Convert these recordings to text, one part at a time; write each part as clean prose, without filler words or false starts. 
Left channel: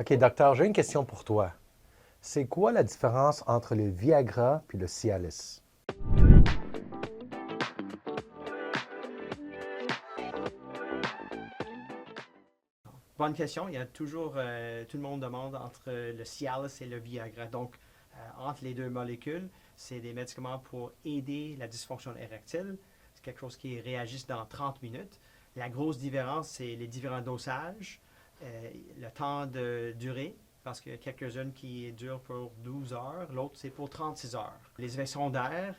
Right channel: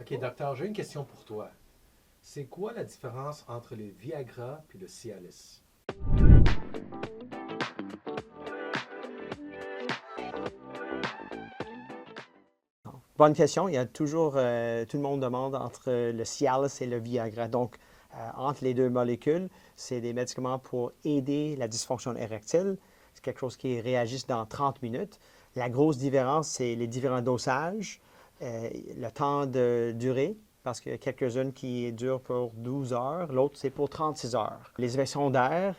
OK, docteur, j'ai une question pour toi. C'est quoi la différence entre le Viagra puis le Cialis? Bonne question. Il y a toujours, tout le monde demande entre le Cialis et le Viagra. Donc, entre les deux molécules, c'est des médicaments pour aider la dysfonction érectile. C'est quelque chose qui réagit dans 30 minutes. La grosse différence, c'est les différents dosages, le temps de durée, parce qu'il y a quelques-unes qui durent pour 12 heures, l'autre c'est pour 36 heures. Les effets secondaires,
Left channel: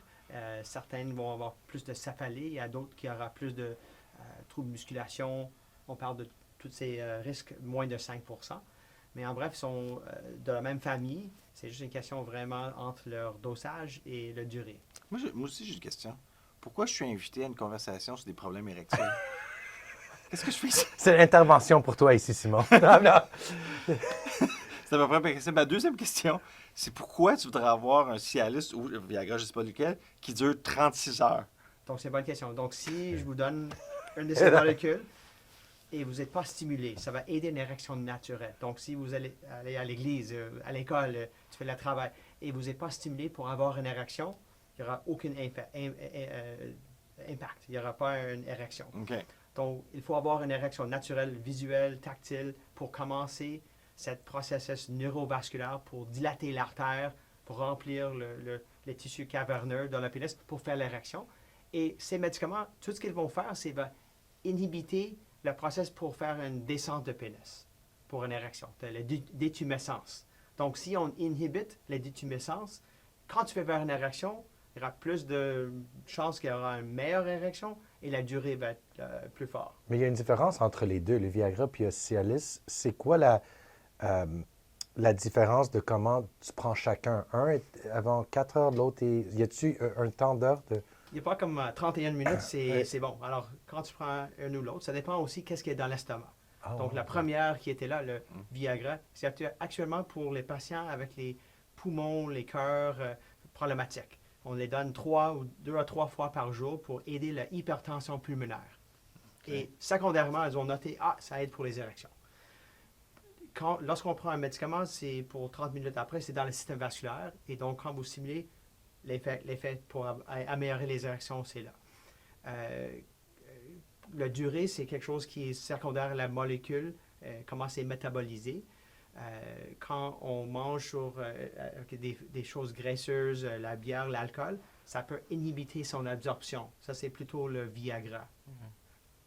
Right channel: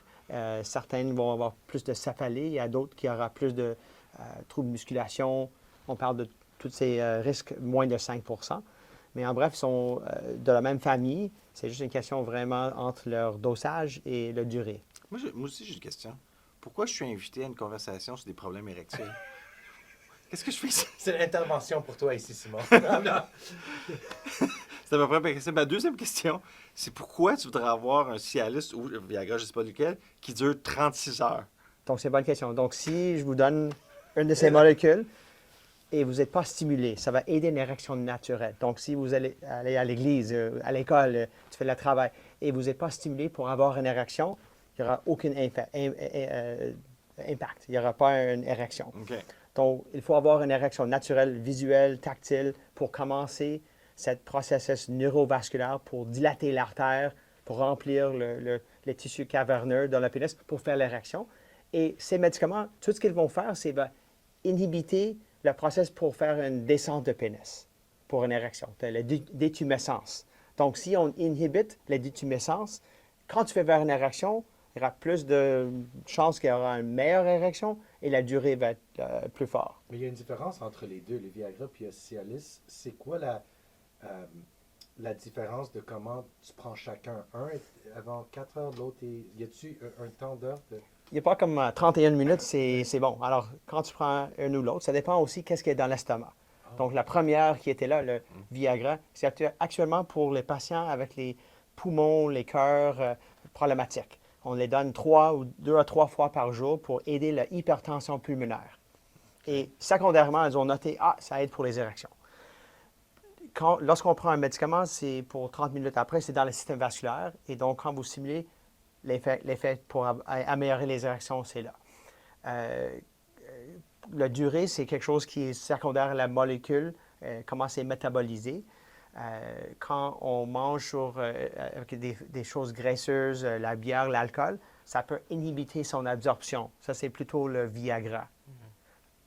certaines vont avoir plus de céphalée, il y a d'autres qui auront plus de troubles de musculation. On parle de tous ces risques moins de 5 Mais en bref, ils sont de la même famille. C'est juste une question vraiment entre leur dosage et la durée. Moi aussi, j'ai une question. Pourquoi je suis invité à une conversation sur des problèmes érectiles? Qu'est-ce que je fais ici? C'est l'intervention pour toi ici, Simon. Non, non. C'est à peu près ma question. Ma deuxième question, c'est pourquoi tu voudrais avoir un Cialis ou un Viagra, je ne sais pas lequel, qui dure 36 heures? Donc, c'est une bonne question. Donc, si je vous donne une de ces molécules et vous n'êtes pas stimulé, ça va aider une érection naturelle. Donc, si vous allez à l'église, à l'école, tu fais le travail et vous n'êtes pas stimulé pour avoir une érection, il n'y aura aucun impact. Il n'y aura pas une érection. OK. Donc, il faut avoir une érection naturelle, visuelle, tactile pour commencer ce processus neurovasculaire pour dilater l'artère, pour remplir les tissus caverneux dans le pénis pour faire l'érection. Et ces médicaments, tout ce qu'ils vont faire, c'est va inhibiter le processus pour faire une descente de pénis pour une érection, la détumescence. Donc, si on inhibite la détumescence, quand tu fais vers une érection, il y aura plus de chances qu'il y aura une meilleure érection et la durée va être plus forte. Mais il y a une différence entre les deux, le Viagra puis le Cialis. C'est quoi la différence de comment tu prends chacun? Un est avant 4 heures, l'autre est... Y a-tu un temps d'heure de... Il n'y a pas comme 31 minutes, c'est bon. Alors, quand tu prends un ou l'autre, ça dépend aussi qu'est-ce qu'il y a dans l'estomac. Oh, Donc, la première qui était là, le Viagra, c'est actuellement pour les patients avec les poumons, les cœurs problématiques. On les donne 2 à 3 fois par jour pour aider l'hypertension pulmonaire. Et secondairement, ils ont noté, ça aide pour les érections. Lorsqu'on prend un médicament, c'est pour 30 minutes après, c'est dans le système vasculaire. Et donc, quand vous simulez, l'effet pour améliorer les érections, c'est là. La durée, c'est quelque chose qui est secondaire à la molécule, comment c'est métabolisé. Quand on mange avec des choses graisseuses, la bière, l'alcool, ça peut inhiber son absorption. Ça, c'est plutôt le Viagra.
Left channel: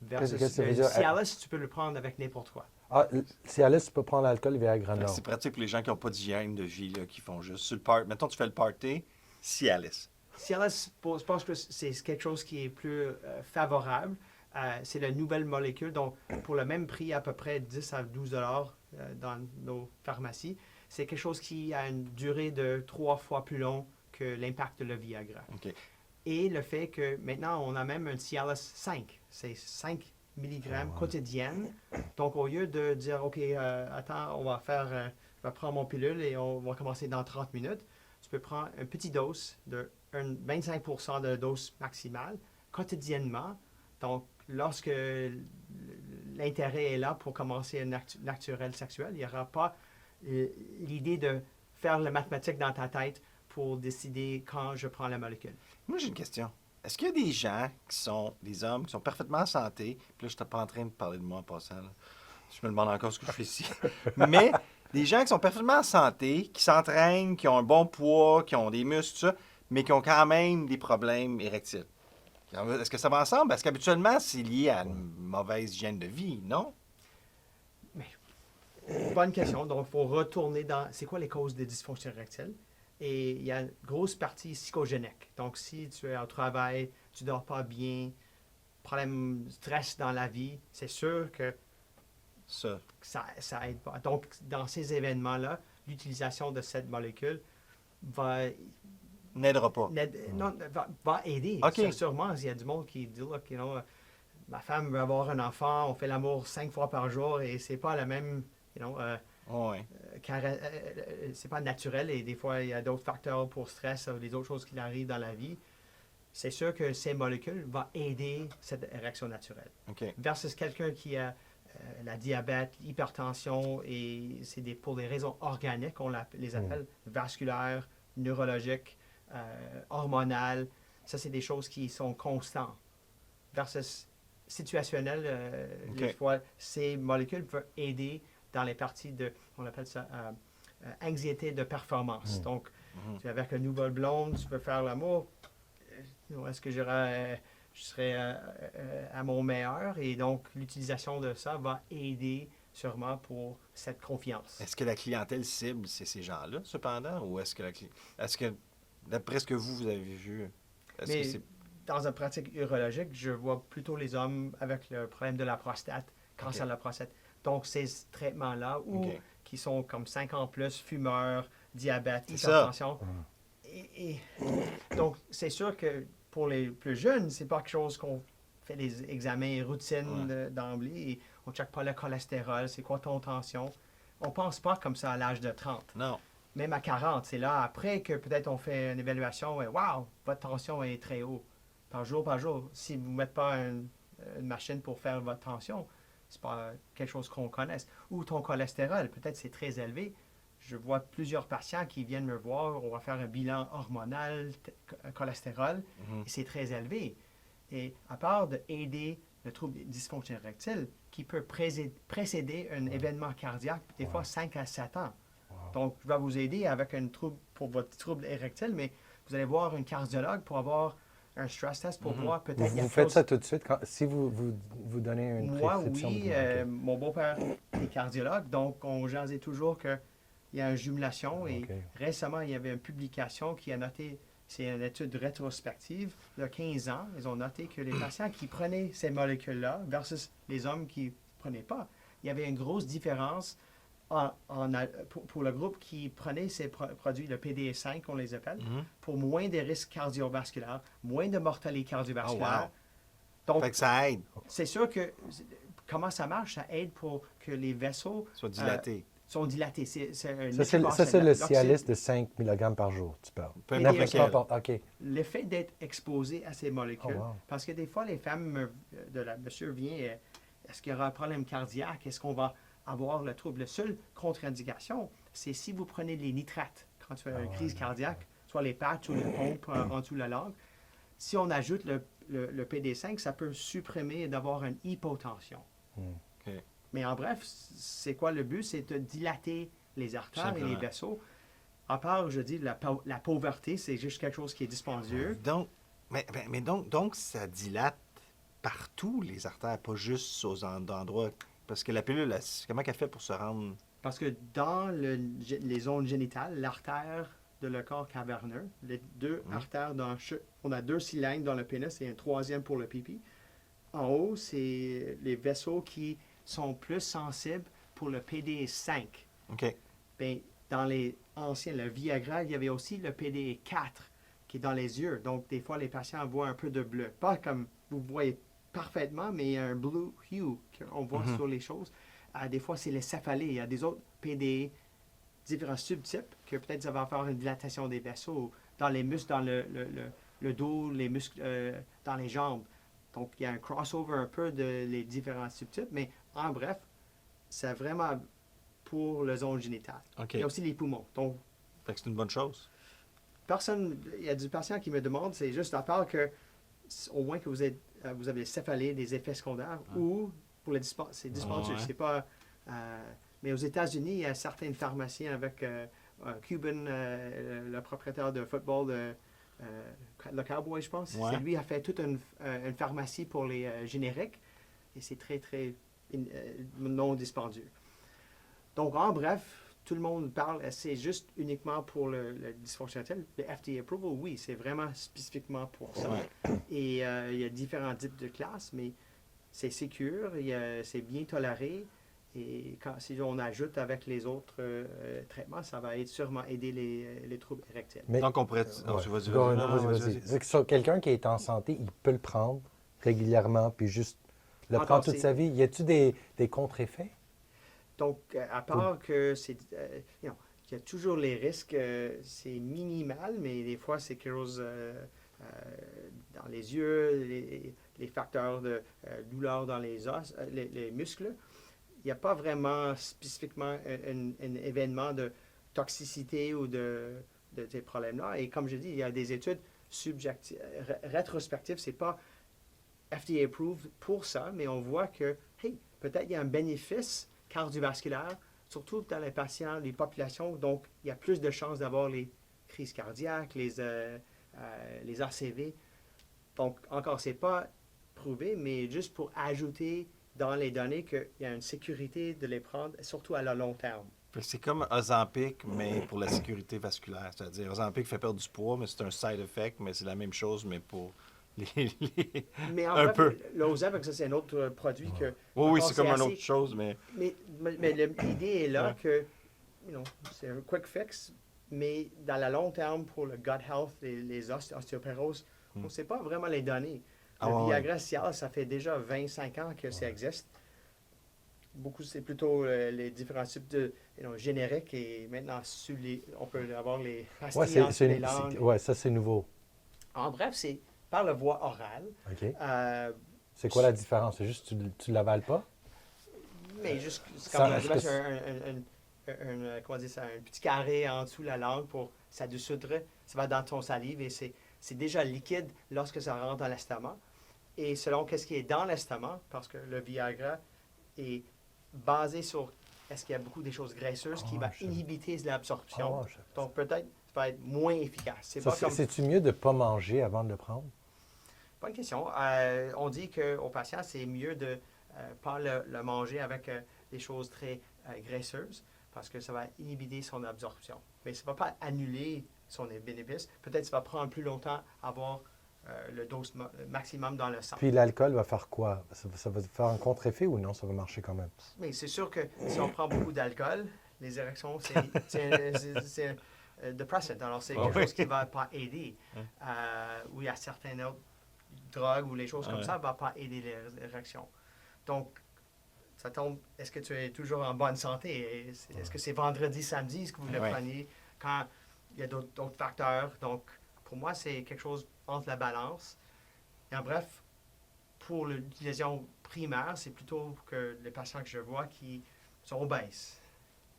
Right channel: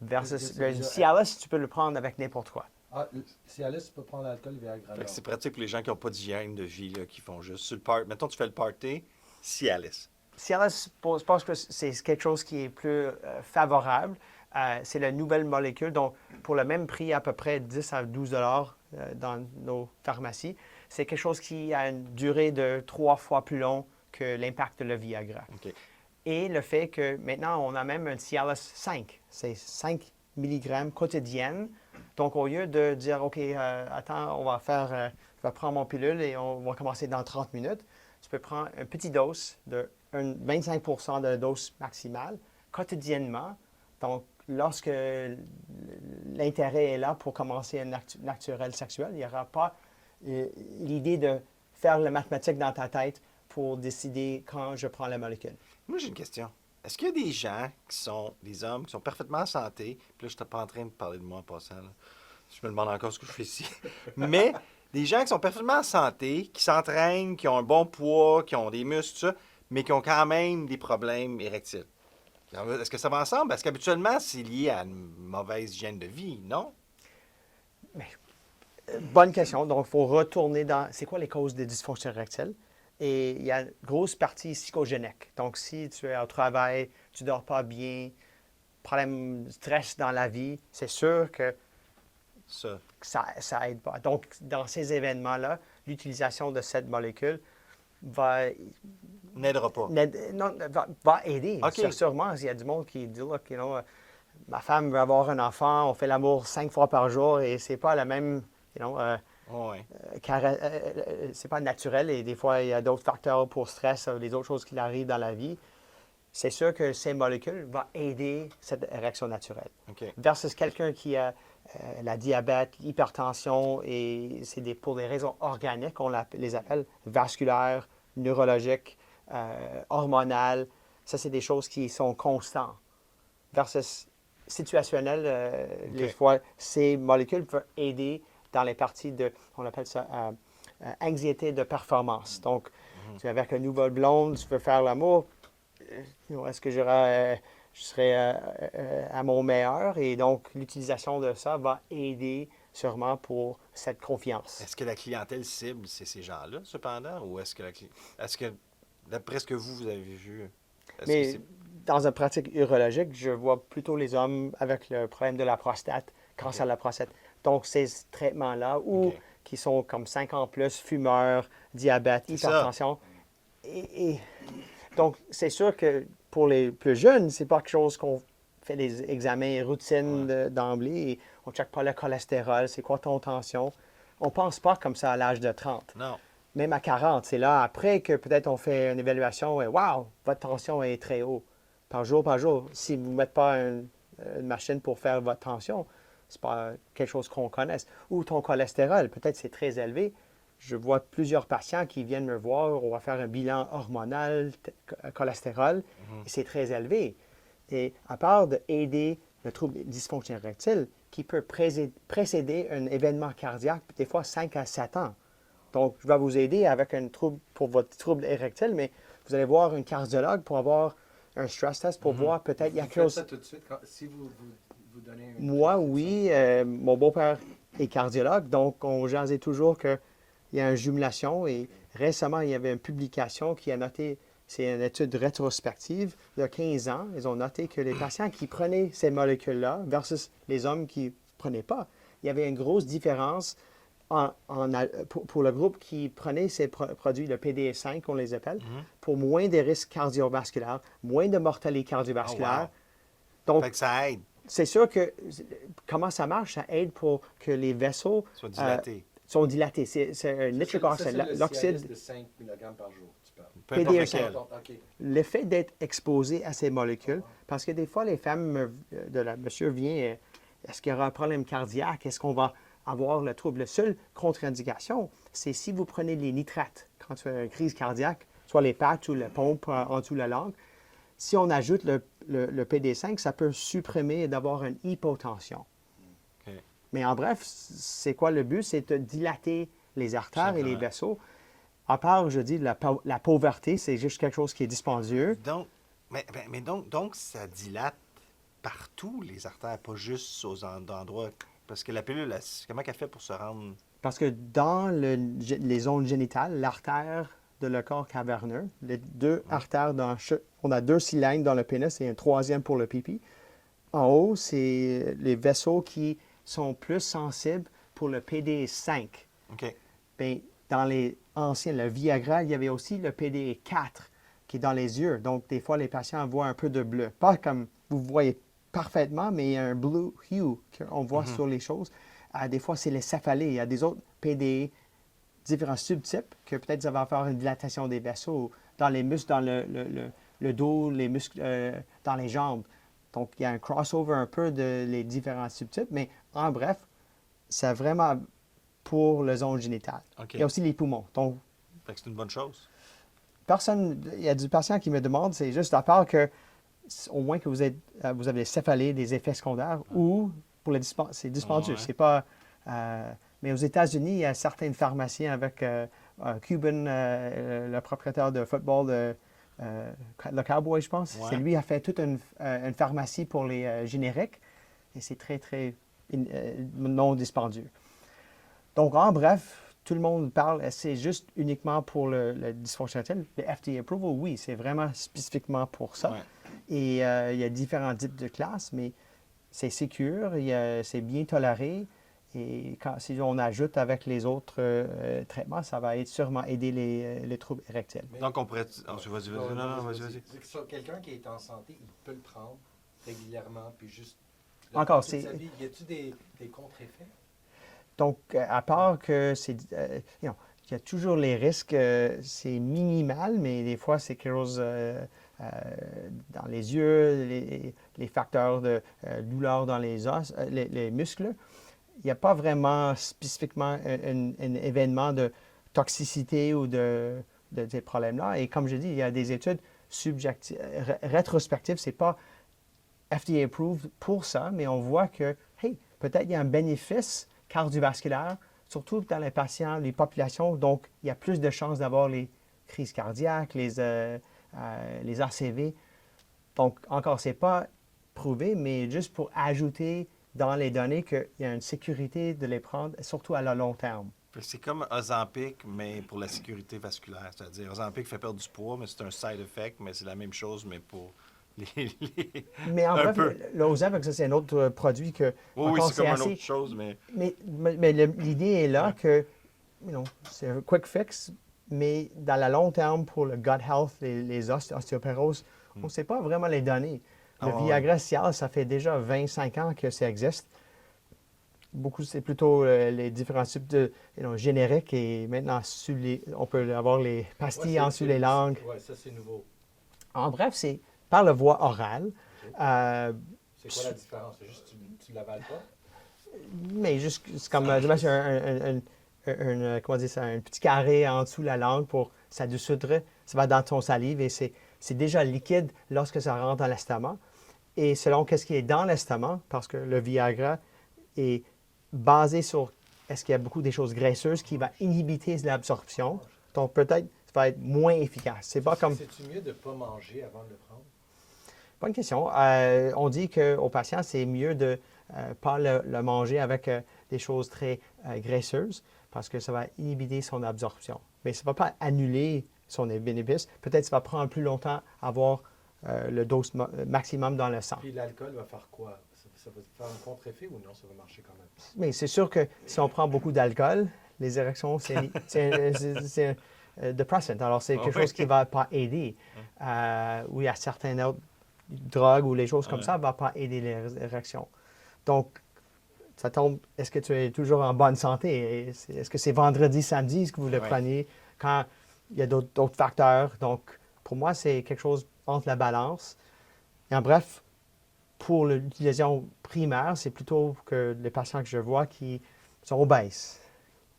Versus le Cialis, tu peux le prendre avec n'importe quoi. Ah, le Cialis, tu peux prendre l'alcool, le Viagra, non. C'est pratique pour les gens qui n'ont pas d'hygiène de vie, là, qui font juste sur le party. Mettons, tu fais le party, Cialis. Cialis, je pense que c'est quelque chose qui est plus favorable. C'est la nouvelle molécule. Donc, pour le même prix, à peu près 10 à 12 dollars dans nos pharmacies, c'est quelque chose qui a une durée de 3 fois plus long que l'impact de le Viagra. OK. Et le fait que maintenant, on a même un Cialis 5. C'est 5 mg quotidienne. Donc, au lieu de dire, OK, attends, on va prendre mon pilule et on va commencer dans 30 minutes, tu peux prendre une petite dose de 25 de la dose maximale quotidiennement. Donc, lorsque l'intérêt est là pour commencer un acte naturel sexuel, il n'y aura pas l'idée de faire la mathématique dans ta tête pour décider quand je prends la molécule. Moi, j'ai une question. Est-ce qu'il y a des gens qui sont des hommes qui sont parfaitement en santé, puis là, je suis pas en train de parler de moi en passant, là. Je me demande encore ce que je fais ici, mais des gens qui sont parfaitement en santé, qui s'entraînent, qui ont un bon poids, qui ont des muscles, tout ça, mais qui ont quand même des problèmes érectiles. Est-ce que ça va ensemble? Parce qu'habituellement, c'est lié à une mauvaise hygiène de vie, non? Bonne question. Donc, il faut retourner dans c'est quoi les causes des dysfonctions érectiles? Et il y a une grosse partie psychogénique. Donc, si tu es au travail, tu ne dors pas bien, problème de stress dans la vie, c'est sûr que Ça. ça aide pas. Donc, dans ces événements-là, l'utilisation de cette molécule N'aidera pas. va aider. OK. Sûrement, il y a du monde qui dit, look, ma femme veut avoir un enfant, on fait l'amour 5 fois par jour et c'est pas la même, Ouais. c'est pas naturel et des fois, il y a d'autres facteurs pour stress, des autres choses qui arrivent dans la vie. C'est sûr que ces molécules vont aider cette érection naturelle. OK. Versus quelqu'un qui a la diabète, l'hypertension, et pour des raisons organiques, les appelle vasculaires, neurologiques, hormonales. Ça, c'est des choses qui sont constantes. Versus situationnel, les fois, ces molécules peuvent aider dans les parties on appelle ça anxiété de performance. Donc, tu es avec une nouvelle blonde, tu veux faire l'amour, est-ce que je serai à mon meilleur? Et donc, l'utilisation de ça va aider sûrement pour cette confiance. Est-ce que la clientèle cible, c'est ces gens-là, cependant? Ou est-ce que d'après ce que vous avez vu, Mais dans une pratique urologique, je vois plutôt les hommes avec le problème de la prostate, cancer de la prostate. Donc, ces traitements-là, qui sont comme 5 ans plus, fumeurs, diabète, hypertension. Et donc, c'est sûr que pour les plus jeunes, c'est pas quelque chose qu'on fait des examens routines d'emblée. Et on ne check pas le cholestérol, c'est quoi ton tension. On pense pas comme ça à l'âge de 30. Non. Même à 40, c'est là après que peut-être on fait une évaluation et wow, votre tension est très haut. Par jour. Si vous ne mettez pas une machine pour faire votre tension, ce n'est pas quelque chose qu'on connaisse. Ou ton cholestérol, peut-être c'est très élevé. Je vois plusieurs patients qui viennent me voir, on va faire un bilan hormonal, cholestérol, et c'est très élevé. Et à part d'aider le trouble dysfonction érectile, qui peut précéder un événement cardiaque, des fois 5 à 7 ans. Donc, je vais vous aider avec un trouble pour votre trouble érectile, mais vous allez voir un cardiologue pour avoir un stress test pour voir peut-être il y a Vous quelque faites chose. ça tout de suite si vous donnez une Moi, prescription, oui. Mon beau-père est cardiologue, donc on jasait toujours qu'il y a une jumelation. Et récemment, il y avait une publication qui a noté, c'est une étude rétrospective, il y a 15 ans, ils ont noté que les patients qui prenaient ces molécules-là versus les hommes qui ne prenaient pas, il y avait une grosse différence pour le groupe qui prenait ces produits, le PDE5, on les appelle, pour moins de risques cardiovasculaires, moins de mortalité cardiovasculaire. Donc, fait que ça aide. C'est sûr que comment ça marche, ça aide pour que les vaisseaux Soit dilatés. sont dilatés. C'est un ça, c'est le Cialis de 5 mg par jour, tu parles. Peu importe lequel. OK. Le fait d'être exposé à ces molécules, parce que des fois, les femmes monsieur vient, est-ce qu'il y aura un problème cardiaque? Est-ce qu'on va avoir le trouble? La seule contre-indication, c'est si vous prenez les nitrates quand tu as une crise cardiaque, soit les patchs ou la pompe en dessous de la langue. Si on ajoute le PD5, ça peut supprimer d'avoir une hypotension. Mais en bref, c'est quoi le but? C'est de dilater les artères et les vaisseaux. À part, je dis, la pauvreté, c'est juste quelque chose qui est dispendieux. Donc, donc ça dilate partout, les artères, pas juste aux endroits. Parce que la pilule, comment elle fait pour se rendre? Parce que dans les zones génitales, l'artère de le corps caverneux, les deux artères, on a 2 cylindres dans le pénis et un troisième pour le pipi. En haut, c'est les vaisseaux qui sont plus sensibles pour le PD5. OK. Bien, dans les anciens, le Viagra, il y avait aussi le PD4 qui est dans les yeux. Donc, des fois, les patients voient un peu de bleu. Pas comme vous voyez parfaitement, mais il y a un blue hue qu'on voit sur les choses. Des fois, c'est les céphalées. Il y a des autres PD, différents subtypes, que peut-être ça va faire une dilatation des vaisseaux dans les muscles, dans le dos, les muscles dans les jambes. Donc, il y a un crossover un peu de les différents subtypes, mais en bref, c'est vraiment pour la zone génitale. Okay. Il y a aussi les poumons. Donc, fait que c'est une bonne chose. Il y a du patient qui me demande, c'est juste à part que, au moins que vous avez des céphalées, des effets secondaires, ou pour c'est dispendieux. C'est pas, mais aux États-Unis, il y a certaines pharmaciens avec Cuban, le propriétaire de football, le Cowboy, je pense. C'est lui qui a fait toute une pharmacie pour les génériques. Et c'est très, très non dispendieux. Donc, en bref, tout le monde parle, c'est juste uniquement pour le dysfonction érectile. Le FDA approval, oui, c'est vraiment spécifiquement pour ça. Et il y a différents types de classes, mais c'est sécure, c'est bien toléré. Et si on ajoute avec les autres traitements, ça va sûrement aider les troubles érectiles. Donc, on pourrait... vas-y. Quelqu'un qui est en santé, il peut le prendre régulièrement, puis juste le prendre toute sa vie. Y a-t-il des contre-effets? Donc, à part que il y a toujours les risques, c'est minimal, mais des fois, c'est quelque chose dans les yeux, les facteurs de douleur dans les os, les muscles. il n'y a pas vraiment spécifiquement un événement de toxicité ou de ces problèmes-là. Et comme je dis, il y a des études subjectives, rétrospectives, c'est pas FDA approved pour ça, mais on voit que, hey, peut-être il y a un bénéfice cardiovasculaire, surtout dans les patients, les populations, donc il y a plus de chances d'avoir les crises cardiaques, les ACV. Donc, encore, ce n'est pas prouvé, mais juste pour ajouter dans les données qu'il y a une sécurité de les prendre, surtout à le long terme. Fait que c'est comme Ozempic, mais pour la sécurité vasculaire. C'est-à-dire, Ozempic fait perdre du poids, mais c'est un side effect, mais c'est la même chose, mais pour Mais en un fait, peu. l'Ozempic, ça, c'est un autre produit que... Oui, oui, encore, c'est comme une assez- autre chose, mais Mais l'idée est là Ouais. que, c'est un quick fix, mais dans le long terme, pour le gut health, les ostéoporoses, on ne sait pas vraiment les données. Le Ah ouais, Viagra Cialis, ça fait déjà 25 ans que ça existe. Beaucoup, c'est plutôt les différents types de génériques et maintenant, on peut avoir les pastilles en dessous les langues. Ouais, ça, c'est nouveau. En bref, c'est par la voie orale. OK. Euh, C'est quoi la différence? C'est juste que tu ne l'avales pas? Mais juste, c'est comme Ça- je mets comment dire ça, un petit carré en dessous de la langue pour ça dissoudre. Ça va dans ton salive et c'est déjà liquide lorsque ça rentre dans l'estomac. Et selon qu'est-ce qui est dans l'estomac, parce que le Viagra est basé sur est-ce qu'il y a beaucoup des choses graisseuses qui va inhiber l'absorption. Oh, Donc peut-être ça va être moins efficace. C'est pas comme C'est-tu mieux de ne pas manger avant de le prendre? bonne question. On dit qu'aux patients, c'est mieux de ne pas le manger avec des choses très graisseuses parce que ça va inhiber son absorption. Mais ça ne va pas annuler son bénéfice. Peut-être que ça va prendre plus longtemps à avoir le dose maximum dans le sang. Puis l'alcool va faire quoi? Ça va faire un contre-effet ou non? Ça va marcher quand même? Mais c'est sûr que si on prend beaucoup d'alcool, les érections, c'est depressant. Alors, c'est quelque chose qui ne va pas aider. Ou il y a certaines autres drogues ou les choses comme ça ne vont pas aider les érections. Donc, ça tombe, est-ce que tu es toujours en bonne santé? Est-ce que c'est vendredi, samedi, ce que vous le prenez? Quand il y a d'autres facteurs. Donc, pour moi, c'est quelque chose entre la balance. Et en bref, pour l'utilisation primaire, c'est plutôt que les patients que je vois qui sont obèses.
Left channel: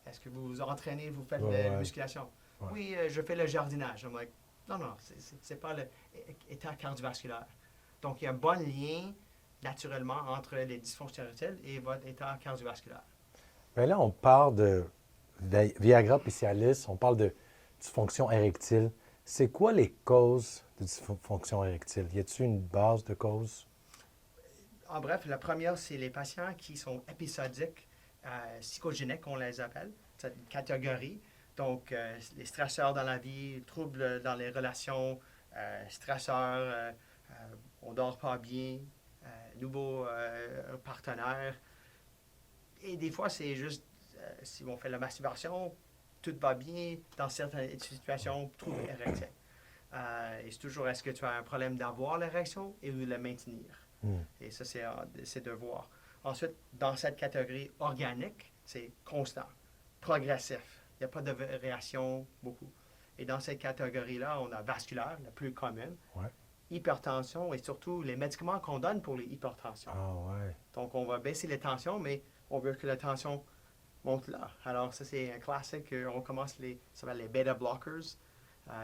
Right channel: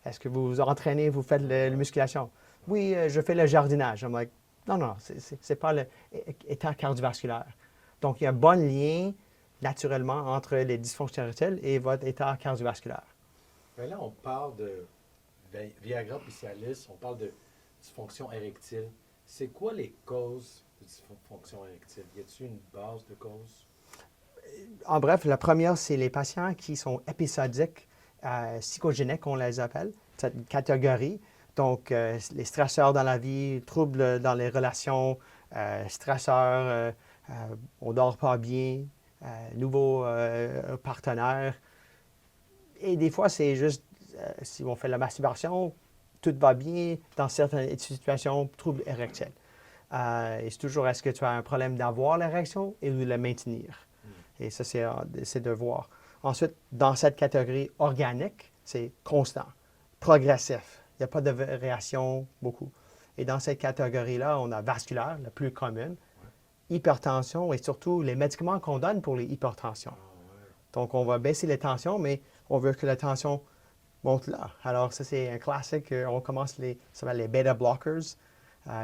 Est-ce que vous vous entraînez, vous faites la musculation? Oui, je fais le jardinage. I'm like, non, c'est pas l'état cardiovasculaire. Donc, il y a un bon lien naturellement entre les dysfonctions érectiles et votre état cardiovasculaire. Bien là, on parle de Viagra puis Cialis, on parle de dysfonction érectile. C'est quoi les causes de dysfonction érectile? Y a-t-il une base de cause? En bref, la première, c'est les patients qui sont épisodiques, psychogéniques, on les appelle, cette catégorie. Donc, les stresseurs dans la vie, troubles dans les relations, stresseurs, on ne dort pas bien, nouveaux partenaires. Et des fois, c'est juste, si on fait la masturbation, tout va bien. Dans certaines situations, trouble érectile. Et c'est toujours, est-ce que tu as un problème d'avoir l'érection et de la maintenir? Et ça, c'est de voir. Ensuite, dans cette catégorie organique, c'est constant, progressif. Il n'y a pas de variation beaucoup. Et dans cette catégorie-là, on a vasculaire, la plus commune, hypertension et surtout les médicaments qu'on donne pour les hypertensions. Donc, on va baisser les tensions, mais on veut que la tension monte là. Alors, ça, c'est un classique. On commence ça s'appelle les beta blockers,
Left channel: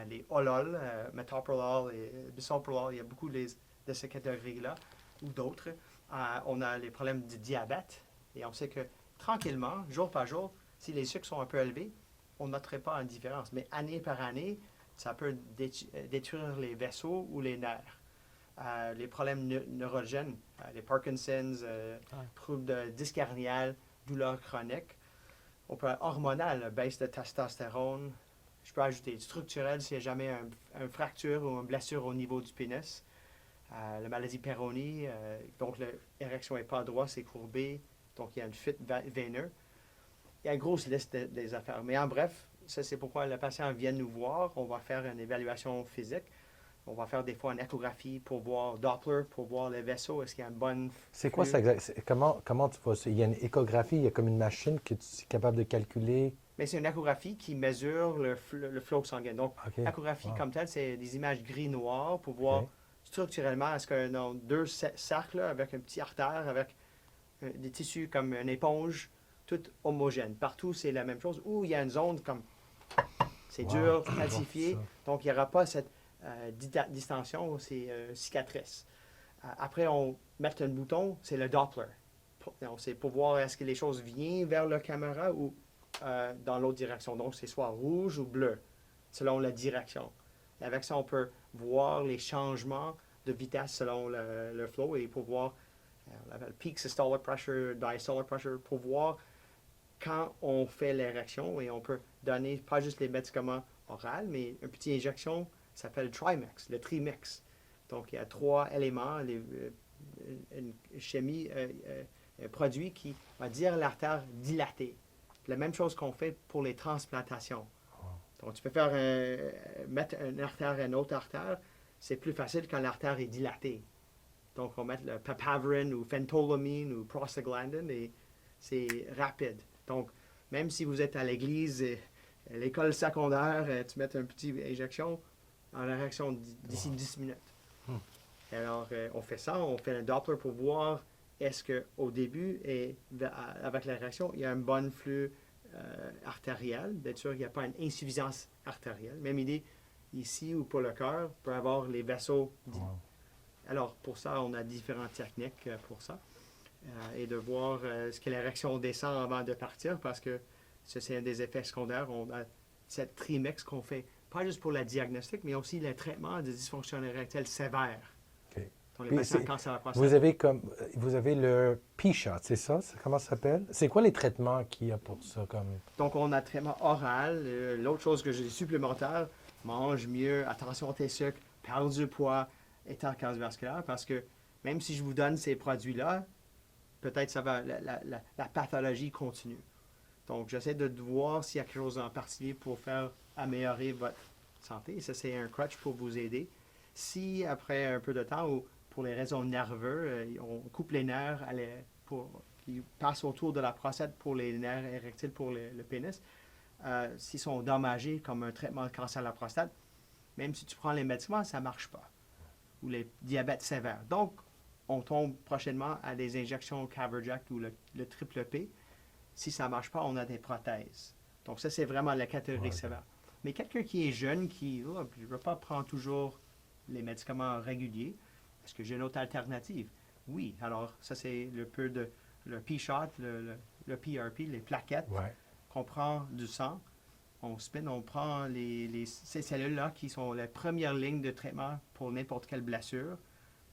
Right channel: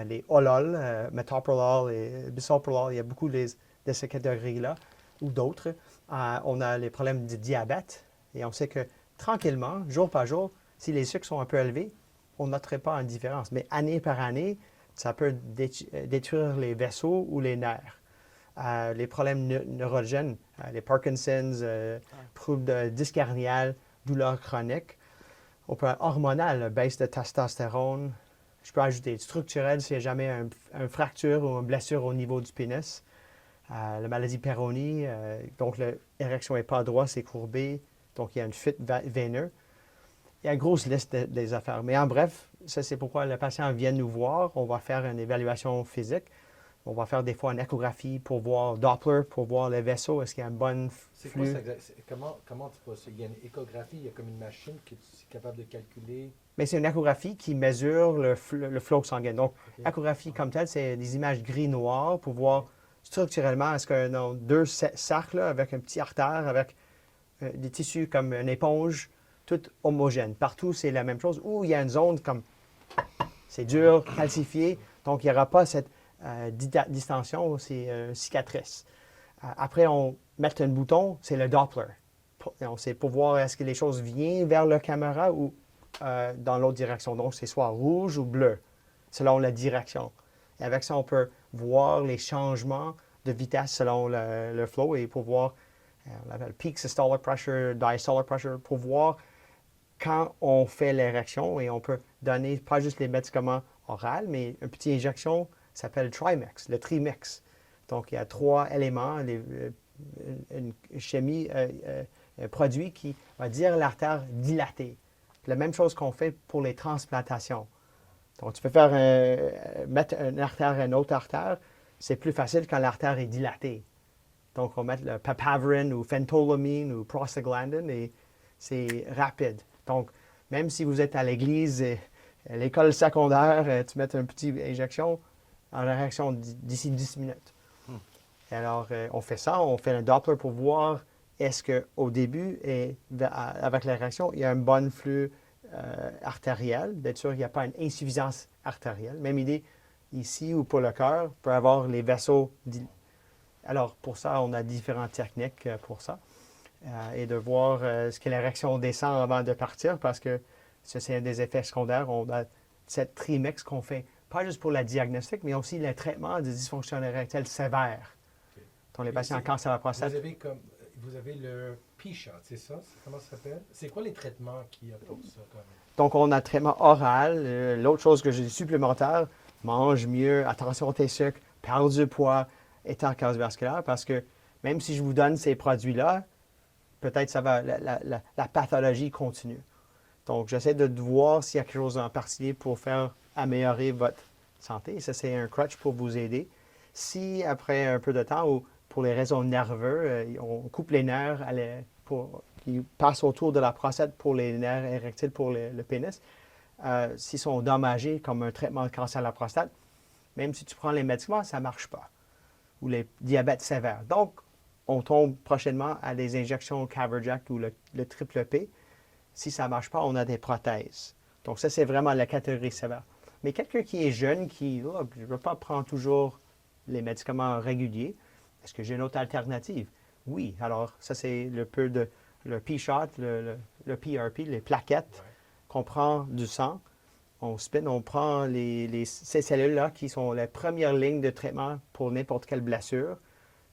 les Olol, metoprolol et bisoprolol. Il y a beaucoup de ces catégories-là ou d'autres. On a les problèmes de diabète et on sait que tranquillement, jour par jour, si les sucres sont un peu élevés, on ne noterait pas une différence. Mais année par année, ça peut détruire les vaisseaux ou les nerfs. Les problèmes neurogènes, les Parkinson's, troubles de disque hernial, douleurs chroniques. On peut avoir hormonal, baisse de testostérone. Je peux ajouter structurel s'il n'y a jamais une fracture ou une blessure au niveau du pénis. La maladie Peyronie, donc l'érection n'est pas droite, c'est courbé, donc il y a une fuite veineuse. Il y a une grosse liste des affaires. Mais en bref, ça c'est pourquoi le patient vient nous voir. On va faire une évaluation physique. On va faire des fois une échographie pour voir Doppler, pour voir les vaisseaux. Est-ce qu'il y a une bonne C'est quoi ça? Comment tu fais ça? Il y a une échographie, il y a comme une machine que tu es capable de calculer. Mais c'est une échographie qui mesure le flot sanguin. Donc, échographie comme telle, c'est des images gris-noires pour voir structurellement, est-ce que deux cercles avec un petit artère, avec des tissus comme une éponge, tout homogène. Partout, c'est la même chose. Ou il y a une zone comme c'est dur, calcifié, donc il n'y aura pas cette distension, c'est cicatrice. Après, on met un bouton, c'est le Doppler. C'est pour voir est-ce que les choses viennent vers la caméra ou dans l'autre direction. Donc, c'est soit rouge ou bleu, selon la direction. Et avec ça, on peut voir les changements de vitesse selon le flow et pour voir, on l'appelle peak systolic pressure, diastolic pressure, pour voir quand on fait l'érection et on peut donner pas juste les médicaments oraux, mais une petite injection s'appelle Trimix, le Trimix. Donc, il y a 3 éléments, une chimie, un produit qui va dire l'artère dilatée. La même chose qu'on fait pour les transplantations. Donc, tu peux faire mettre une artère à une autre artère, c'est plus facile quand l'artère est dilatée. Donc, on met le papaverine ou phentolamine ou prostaglandine et c'est rapide. Donc, même si vous êtes à l'église, à l'école secondaire, tu mets une petite injection en réaction d'ici 10 minutes. Et alors, on fait ça, on fait un Doppler pour voir est-ce qu'au début, avec la réaction, il y a un bon flux artériel. Bien sûr, il n'y a pas une insuffisance artérielle. Même idée ici ou pour le cœur, peut avoir les vaisseaux. Alors, pour ça, on a différentes techniques pour ça. Et de voir ce que la réaction descend avant de partir, parce que ça, c'est un des effets secondaires. On a cette trimix qu'on fait, pas juste pour la diagnostic, mais aussi le traitement de dysfonction érectile sévère. OK. Dans les patients cancer à la prostate. Vous avez le P-shot, c'est ça? Comment ça s'appelle? C'est quoi les traitements qu'il y a pour ça? Donc, on a un traitement oral. L'autre chose que je dis supplémentaire, mange mieux, attention à tes sucres, perdre du poids, état cardiovasculaire, parce que même si je vous donne ces produits-là, peut-être ça va, la pathologie continue. Donc, j'essaie de voir s'il y a quelque chose en particulier pour faire améliorer votre santé. Ça, c'est un crutch pour vous aider. Si, après un peu de temps, ou pour les raisons nerveuses, on coupe les nerfs qui passent autour de la prostate pour les nerfs érectiles pour le pénis, s'ils sont endommagés comme un traitement de cancer à la prostate, même si tu prends les médicaments, ça ne marche pas. Ou les diabètes sévères. Donc, on tombe prochainement à des injections Caverjack ou le triple P. Si ça ne marche pas, on a des prothèses. Donc, ça, c'est vraiment la catégorie sévère. Mais quelqu'un qui est jeune, qui je ne veux pas prendre toujours les médicaments réguliers, est-ce que j'ai une autre alternative? Oui. Alors, ça, c'est le P-shot, le PRP, les plaquettes qu'on prend du sang. On spin, on prend ces cellules-là qui sont la première ligne de traitement pour n'importe quelle blessure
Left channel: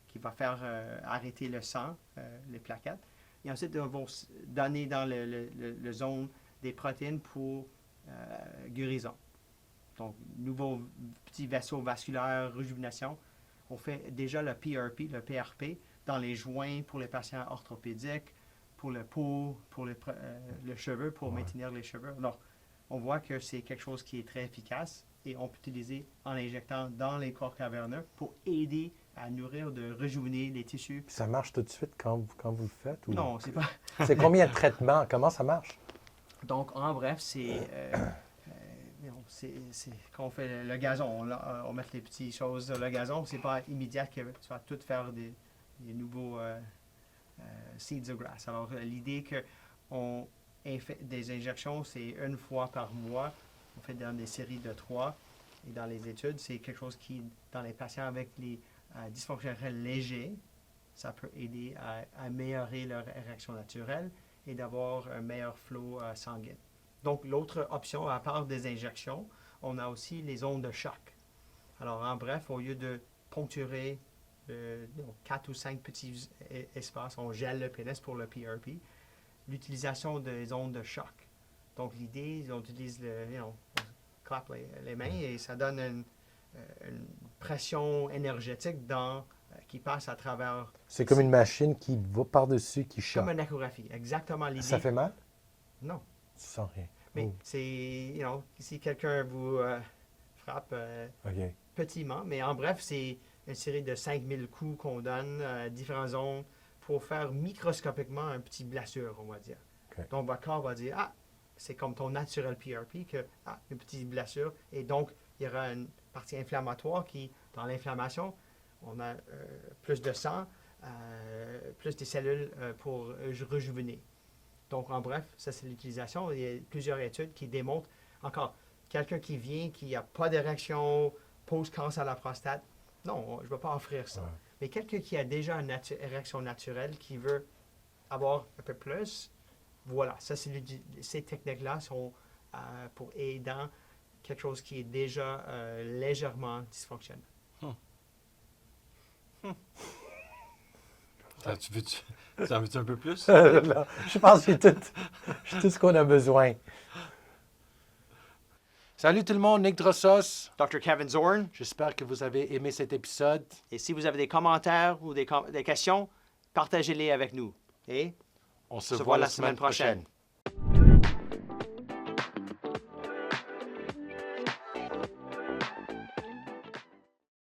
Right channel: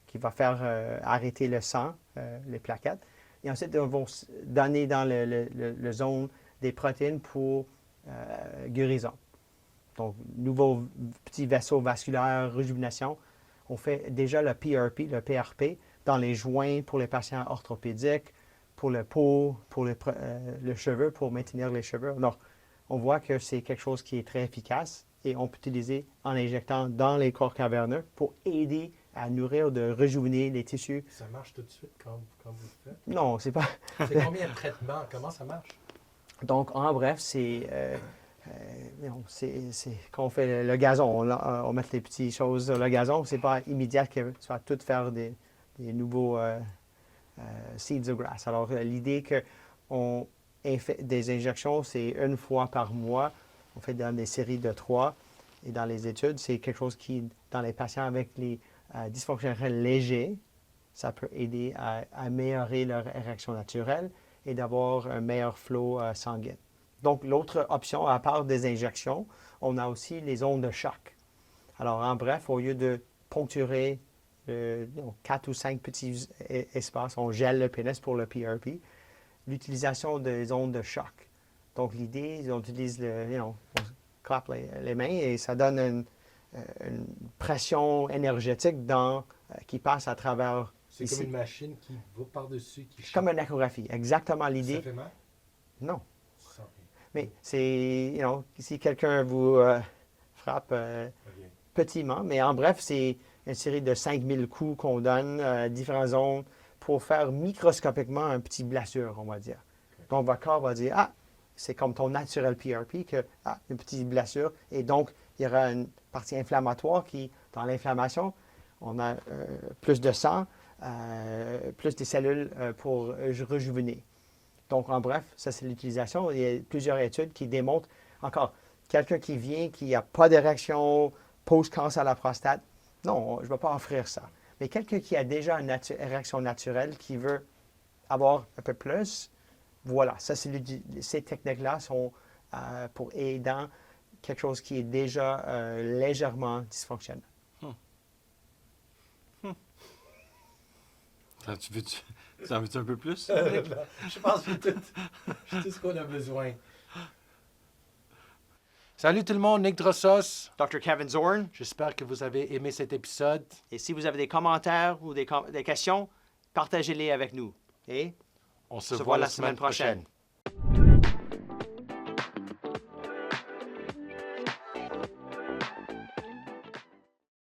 qui va faire arrêter le sang, les plaquettes. Et ensuite, on va donner dans le zone des protéines pour guérison. Donc, nouveau petit vaisseau vasculaire, réjuvénation. On fait déjà le PRP, dans les joints pour les patients orthopédiques, pour le peau, pour le cheveu, pour maintenir les cheveux. Alors, on voit que c'est quelque chose qui est très efficace et on peut utiliser en injectant dans les corps caverneux pour aider à nourrir, de rejuvener les tissus. Ça marche tout de suite quand vous le faites? Ou... Non, c'est pas... C'est combien de traitements? Comment ça marche? Donc, en bref, c'est quand on fait le gazon, on met les petites choses sur le gazon. C'est pas immédiat que tu vas tout faire des nouveaux seeds of grass. Alors, l'idée qu'on fait des injections, c'est une fois par mois. On fait dans des séries de 3. Et dans les études, c'est quelque chose qui, dans les patients avec les dysfonctions érectiles légers, ça peut aider à améliorer leur érection naturelle et d'avoir un meilleur flot sanguin. Donc, l'autre option, à part des injections, on a aussi les ondes de choc. Alors, en bref, au lieu de poncturer 4 ou 5 petits espaces, on gèle le pénis pour le PRP, l'utilisation des ondes de choc. Donc, l'idée, on utilise on clappe les mains et ça donne une pression énergétique qui passe à travers... C'est comme une machine qui va par-dessus, qui choque. Comme une échographie, exactement l'idée. Ça fait mal? Non. Tu sens rien. Mais c'est, si quelqu'un vous frappe petittement, mais en bref, c'est une série de 5000 coups qu'on donne à différentes zones pour faire microscopiquement une petite blessure, on va dire. Okay. Donc, votre corps va dire, c'est comme ton naturel PRP, une petite blessure. Et donc, il y aura une partie inflammatoire qui, dans l'inflammation, on a plus de sang, plus des cellules pour rejuvener. Donc, en bref, ça, c'est l'utilisation. Il y a plusieurs études qui démontrent, encore, quelqu'un qui vient, qui n'a pas de réaction post-cancer à la prostate, non, je ne vais pas offrir ça. Mais quelqu'un qui a déjà une réaction naturelle, qui veut avoir un peu plus, voilà, ça, ces techniques-là sont pour aider dans quelque chose qui est déjà légèrement dysfonctionnel. Tu en veux-tu un peu plus? Je pense que j'ai tout ce qu'on a besoin. Salut tout le monde, Nick Drossos. Dr. Kevin Zorn. J'espère que vous avez aimé cet épisode. Et si vous avez des commentaires ou des questions, partagez-les avec nous. Et On se voit la semaine prochaine.